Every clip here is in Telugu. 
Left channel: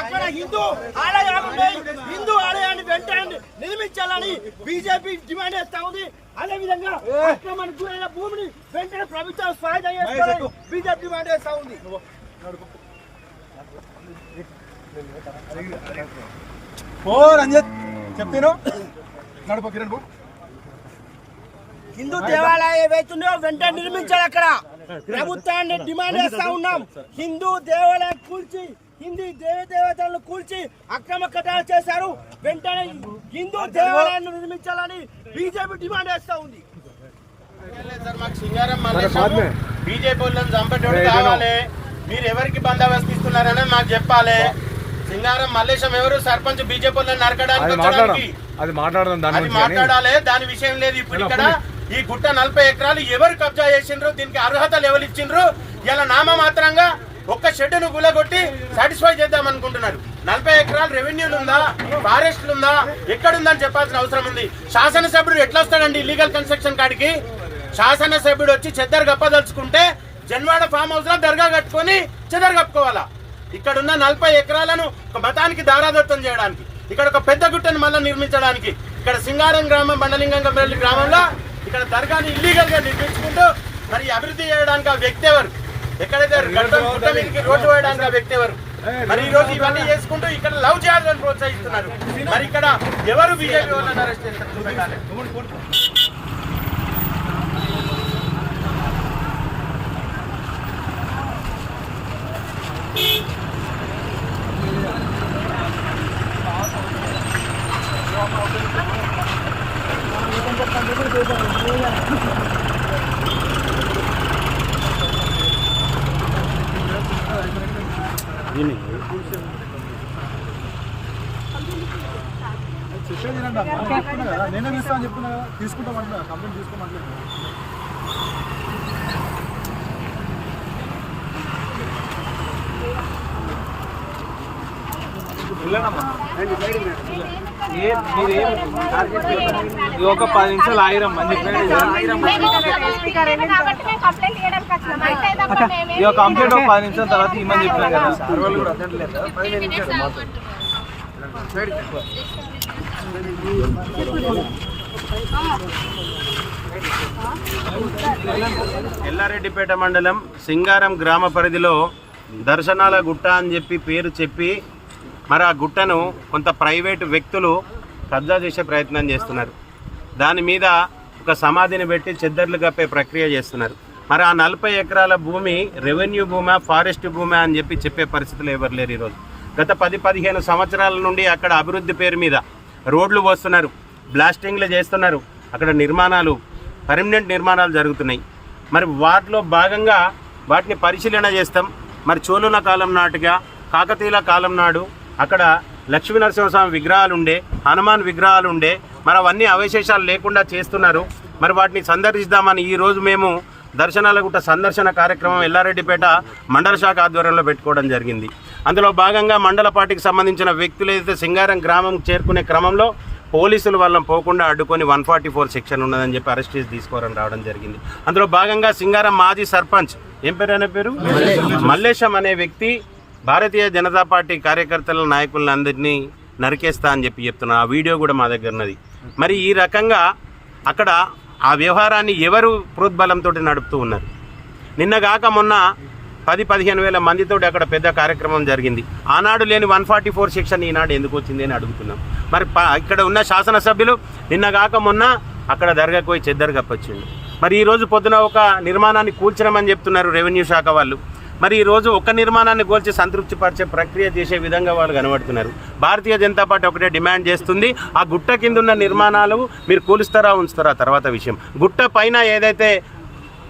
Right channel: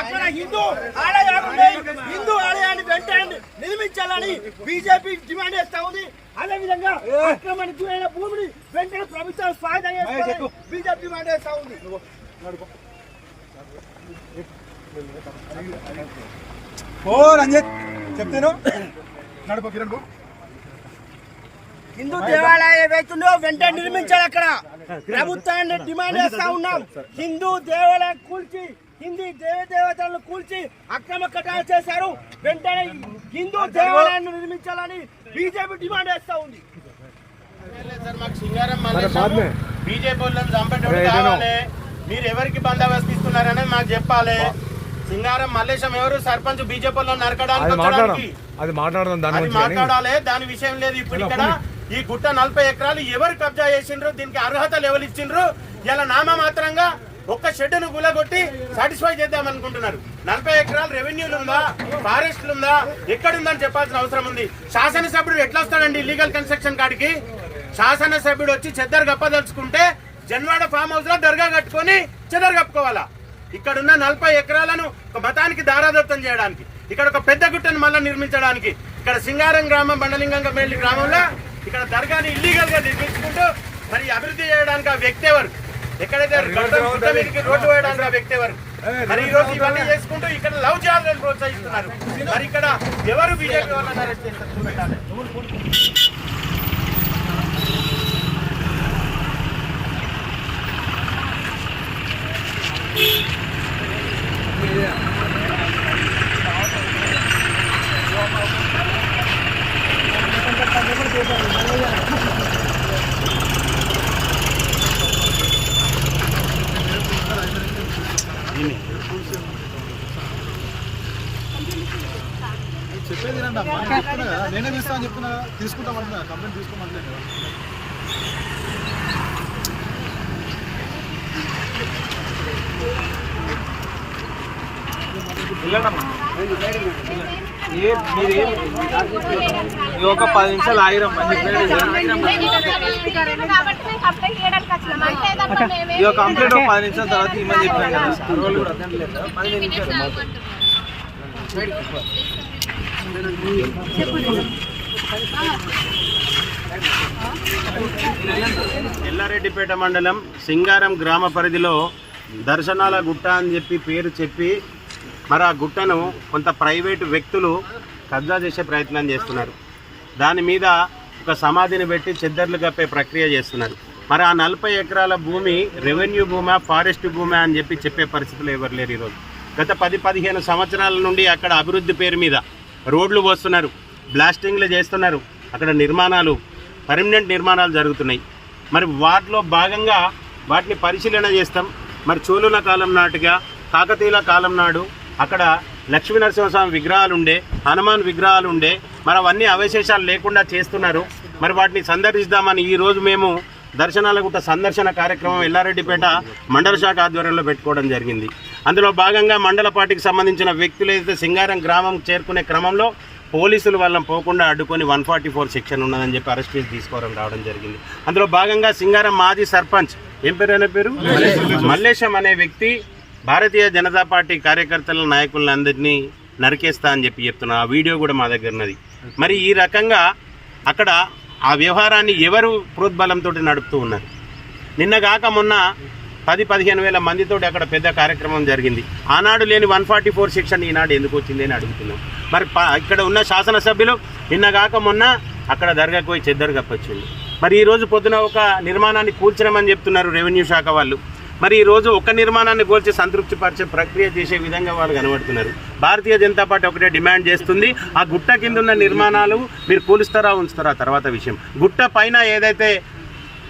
అక్కడ హిందూ ఆలయాన్ని వెంటనే నిర్మించాలని బీజేపీ డిమాండ్ చేస్తా ఉంది. అదేవిధంగా అక్రమానికి గురైన భూమిని వెంటనే ప్రభుత్వం స్వాధీనం చేసుకోవాలని బీజేపీ డిమాండ్ చేస్తా ఉంది. హిందూ దేవాలయం ఏవైతుందో వెంటనే నిర్మించాలి. అక్కడ ప్రభుత్వాన్ని డిమాండ్ చేస్తా ఉన్నాం. హిందూ దేవాలయం కూల్చి హిందూ దేవతలను కూల్చి అక్రమ కట్టాలు చేశారు. వెంటనే హిందూ దేవాలయాన్ని నిర్మించాలని బీజేపీ డిమాండ్ చేస్తా ఉంది. బీజేపీ వాళ్ళని చంపేటోడు కావాలి. మీరు ఎవరికి బందోబస్తు ఇస్తున్నారని మాకు చెప్పాలి. సింగారం మల్లేశం ఎవరు సర్పంచ్ బీజేపీ వాళ్ళని నరకడానికి వచ్చడానికి అది మాట్లాడాలి. దాని విషయం లేదు. ఇప్పుడు ఇక్కడ ఈ గుట్ట 40 ఎకరాలు ఎవరు కబ్జా చేసిండ్రు, దీనికి అర్హతలు ఎవరు ఇచ్చిండ్రు, ఇలా నామమాత్రంగా ఒక్క షెడ్డును గులగొట్టి సాటిస్ఫై చేద్దాం అనుకుంటున్నారు. 40 ఎకరాలు రెవెన్యూలు ఉందా, ఫారెస్ట్లు ఉందా, ఎక్కడుందని చెప్పాల్సిన అవసరం ఉంది. శాసనసభ్యుడు ఎట్లా వస్తాడండి లీగల్ కన్స్ట్రక్షన్ కాడికి? శాసనసభ్యుడు వచ్చి చెద్దరు గప్పదలుచుకుంటే జన్వాడ ఫామ్ హౌస్ లో దర్గా కట్టుకొని చెదరు కప్పుకోవాలా? ఇక్కడున్న 40 ఎకరాలను ఒక మతానికి దారాదత్తం చేయడానికి, ఇక్కడ ఒక పెద్ద గుట్టను మళ్ళీ నిర్మించడానికి, ఇక్కడ సింగారం గ్రామం బండలింగంపల్లి గ్రామంలో ఇక్కడ దర్గాని ఇల్లీగల్ గా నిర్మించుకుంటూ మరి అభివృద్ధి చేయడానికి ఆ వ్యక్తి ఎవరు? ఎక్కడైతే గుట్ట మీదకి రోడ్డు వేయడానికి ఆ వ్యక్తి ఎవరు? మరి ఈ రోజు ఇవన్నీ చేసుకుంటూ ఇక్కడ లవ్ జిహాద్లను ప్రోత్సహిస్తున్నారు. మరి ఇక్కడ ఎవరు బీజేపీ వాళ్ళని అరెస్ట్ చేస్తారు పెట్టాలి. చెప్పేది నేనే తీస్తా అని చెప్తున్నా, తీసుకుంటామంటున్నా, కంప్లైంట్ తీసుకోమంటలేదు. ఒక 10 నిమిషాలు ఆగిరమ్మా. కంప్లైంట్ ఒక 10 నిమిషాల తర్వాత ఇమ్మని చెప్పాను కదా సార్. వాళ్ళు కూడా అర్థంలేదు. 15 నిమిషాలు ఎల్లారెడ్డిపేట మండలం సింగారం గ్రామ పరిధిలో దర్శనాల గుట్ట అని పేరు చెప్పి మరి ఆ గుట్టను కొంత ప్రైవేటు వ్యక్తులు కబ్జా చేసే ప్రయత్నం చేస్తున్నారు. దాని మీద ఒక సమాధిని పెట్టి చెద్దర్లు కప్పే ప్రక్రియ చేస్తున్నారు. మరి ఆ 40 ఎకరాల భూమి రెవెన్యూ భూమా, ఫారెస్ట్ భూమా అని చెప్పే పరిస్థితులు ఎవరు లేరు. ఈరోజు గత 10-15 సంవత్సరాల నుండి అక్కడ అభివృద్ధి పేరు మీద రోడ్లు పోస్తున్నారు, బ్లాస్టింగ్లు చేస్తున్నారు, అక్కడ నిర్మాణాలు, పర్మనెంట్ నిర్మాణాలు జరుగుతున్నాయి. మరి వాటిలో భాగంగా వాటిని పరిశీలన చేస్తాం. మరి చోళుల కాలం నాటుగా, కాకతీయుల కాలం నాడు అక్కడ లక్ష్మీనరసింహస్వామి విగ్రహాలు ఉండే, హనుమాన్ విగ్రహాలు ఉండే, మరి అవన్నీ అవశేషాలు లేకుండా చేస్తున్నారు. మరి వాటిని సందర్శిద్దామని ఈరోజు మేము దర్శనాల గుట్ట సందర్శన కార్యక్రమం ఎల్లారెడ్డిపేట మండల శాఖ ఆధ్వర్యంలో పెట్టుకోవడం జరిగింది. అందులో భాగంగా మండల పార్టీకి సంబంధించిన వ్యక్తులు ఏదైతే సింగారం గ్రామం చేరుకునే క్రమంలో పోలీసులు వాళ్ళని పోకుండా అడ్డుకొని 144 సెక్షన్ ఉన్నదని చెప్పి అరెస్ట్ చేసి తీసుకోవాలని రావడం జరిగింది. అందులో భాగంగా సింగారం మాజీ సర్పంచ్ ఏం పేరు అనే పేరు మల్లేశం అనే వ్యక్తి భారతీయ జనతా పార్టీ కార్యకర్తల నాయకులను అందరినీ నరికేస్తా అని చెప్తున్నారు. ఆ వీడియో కూడా మా దగ్గర ఉన్నది. మరి ఈ రకంగా అక్కడ ఆ వ్యవహారాన్ని ఎవరు ప్రోద్బలంతో నడుపుతూ ఉన్నారు? నిన్నగాక మొన్న 10-15 వేల మందితోటి అక్కడ పెద్ద కార్యక్రమం జరిగింది. ఆనాడు లేని 144 సెక్షన్ ఈనాడు ఎందుకు వచ్చింది అని అడుగుతున్నాం. మరి ఇక్కడ ఉన్న శాసనసభ్యులు నిన్నగాక మొన్న అక్కడ దర్గాకు పోయి చెద్దరు కప్పొచ్చింది. మరి ఈరోజు పొద్దున ఒక నిర్మాణాన్ని కూల్చడమని చెప్తున్నారు రెవెన్యూ శాఖ వాళ్ళు. మరి ఈరోజు ఒక్క నిర్మాణాన్ని కూల్చి సంతృప్తి పరిచే ప్రక్రియ చేసే విధంగా వాళ్ళు కనబడుతున్నారు. భారతీయ జనతా పార్టీ ఒకటే డిమాండ్ చేస్తుంది, ఆ గుట్ట కింద ఉన్న నిర్మాణాలు మీరు కూలుస్తారా ఉంచుతారా తర్వాత విషయం. గుట్ట పైన ఏదైతే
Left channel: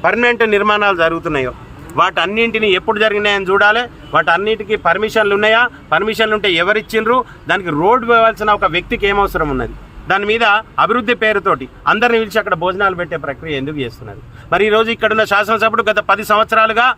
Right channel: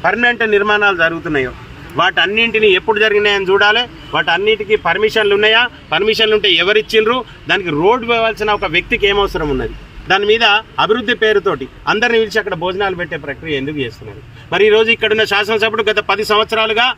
పర్మనెంట్ నిర్మాణాలు జరుగుతున్నాయో వాటన్నింటినీ ఎప్పుడు జరిగినాయని చూడాలి. వాటన్నిటికీ పర్మిషన్లు ఉన్నాయా, పర్మిషన్లు ఉంటే ఎవరిచ్చిండ్రు, దానికి రోడ్డు వేయాల్సిన ఒక వ్యక్తికి ఏమవసరం ఉన్నది, దాని మీద అభివృద్ధి పేరుతోటి అందరిని పిలిచి అక్కడ భోజనాలు పెట్టే ప్రక్రియ ఎందుకు చేస్తున్నారు? మరి ఈరోజు ఇక్కడున్న శాసనసభ్యుడు గత 10 సంవత్సరాలుగా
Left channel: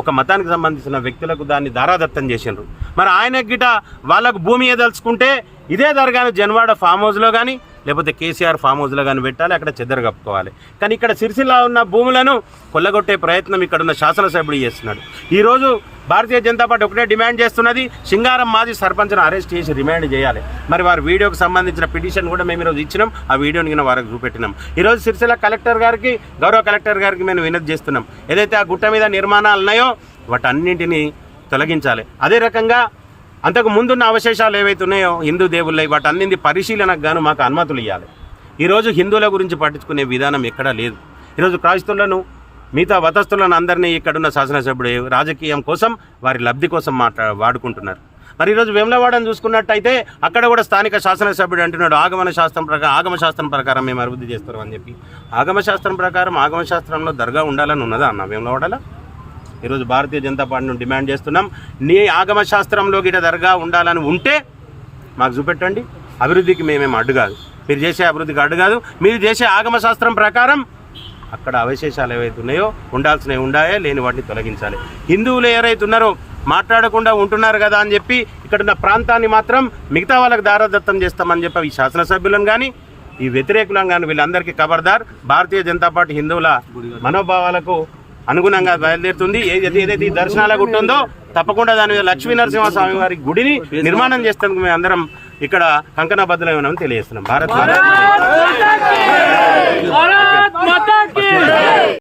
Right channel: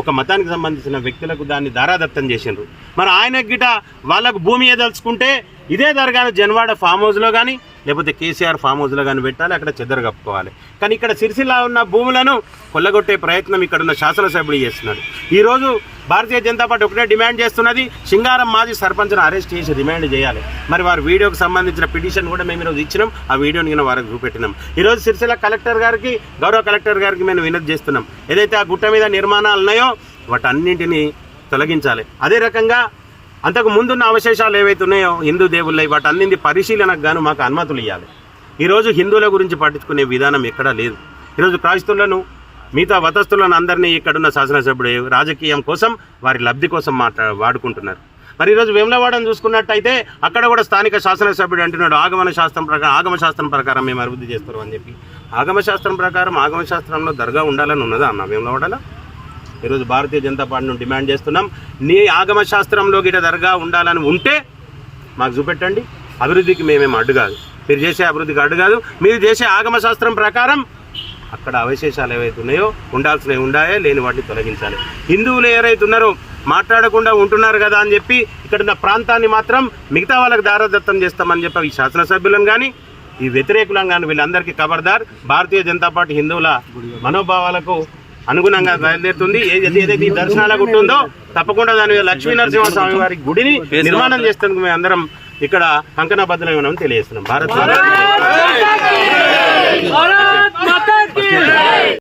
ఒక మతానికి సంబంధించిన వ్యక్తులకు దాన్ని దారాదత్తం చేసిండ్రు. మరి ఆయన గిట వాళ్ళకు భూమి ఏదలుచుకుంటే ఇదే దర్గాను జన్వాడ ఫామ్ హౌస్లో కానీ లేకపోతే కేసీఆర్ ఫామ్ హౌస్లో కానీ పెట్టాలి, అక్కడ చెద్దరు కప్పుకోవాలి. కానీ ఇక్కడ సిరిసిల్ల ఉన్న భూములను కొల్లగొట్టే ప్రయత్నం ఇక్కడ ఉన్న శాసనసభ్యుడు చేస్తున్నాడు. ఈరోజు భారతీయ జనతా పార్టీ ఒకటే డిమాండ్ చేస్తున్నది, సింగారం మాజీ సర్పంచ్ను అరెస్ట్ చేసి రిమాండ్ చేయాలి. మరి వారి వీడియోకి సంబంధించిన పిటిషన్ కూడా మేము ఈరోజు ఇచ్చినాం, ఆ వీడియోని కింద వారికి చూపెట్టినాం. ఈరోజు సిరిసిల్ల కలెక్టర్ గారికి, గౌరవ కలెక్టర్ గారికి మేము వినతి చేస్తున్నాం. ఏదైతే ఆ గుట్ట మీద నిర్మాణాలు ఉన్నాయో వాటన్నింటినీ తొలగించాలి. అదే రకంగా అంతకు ముందున్న అవశేషాలు ఏవైతే ఉన్నాయో హిందూ దేవుళ్ళవి వాటన్నింటి పరిశీలనకు గాను మాకు అనుమతులు ఇవ్వాలి. ఈరోజు హిందువుల గురించి పట్టించుకునే విధానం ఎక్కడా లేదు. ఈరోజు క్రైస్తవులను మిగతా మతస్థులను అందరినీ ఇక్కడున్న శాసనసభ్యుడు రాజకీయం కోసం వారి లబ్ధి కోసం వాడుకుంటున్నారు. మరి ఈరోజు వేములవాడని చూసుకున్నట్టయితే అక్కడ కూడా స్థానిక శాసనసభ్యుడు అంటున్నాడు ఆగమశాస్త్రం ప్రకారం మేము అభివృద్ధి చేస్తాం అని చెప్పి. ఆగమశాస్త్రం ప్రకారం ఆగమశాస్త్రంలో దర్గా ఉండాలని ఉన్నదా అన్న వేములవాడలో? ఈరోజు భారతీయ జనతా పార్టీని డిమాండ్ చేస్తున్నాం, నీ ఆగమశాస్త్రంలో గిట దర్గా ఉండాలని ఉంటే మాకు చూపెట్టండి. అభివృద్ధికి మేమేం అడ్డు కాదు, మీరు చేసే అభివృద్ధికి అడ్డు కాదు. మీరు చేసే ఆగమశాస్త్రం ప్రకారం అక్కడ అవశేషాలు ఏవైతే ఉన్నాయో ఉండాల్సినవి ఉండాయో, లేని వాటిని తొలగించాలి. హిందువులు ఎవరైతే ఉన్నారో మాట్లాడకుండా ఉంటున్నారు కదా అని చెప్పి ఇక్కడున్న ప్రాంతాన్ని మాత్రం మిగతా వాళ్ళకి దారాదత్తం చేస్తామని చెప్పి ఈ శాసనసభ్యులను కానీ ఈ వ్యతిరేకులను కానీ వీళ్ళందరికీ ఖబర్దార్. భారతీయ జనతా పార్టీ హిందువుల మనోభావాలకు అనుగుణంగా బయలుదేరుతుంది. ఏదైతే ఈ దర్శనాల గుట్ట ఉందో తప్పకుండా దాని లక్ష్మీ నరసింహస్వామి వారి గుడిని నిర్మాణం చేస్తానికి మేము అందరం ఇక్కడ కంకణబద్ధమని తెలియజేస్తున్నాం. భారత్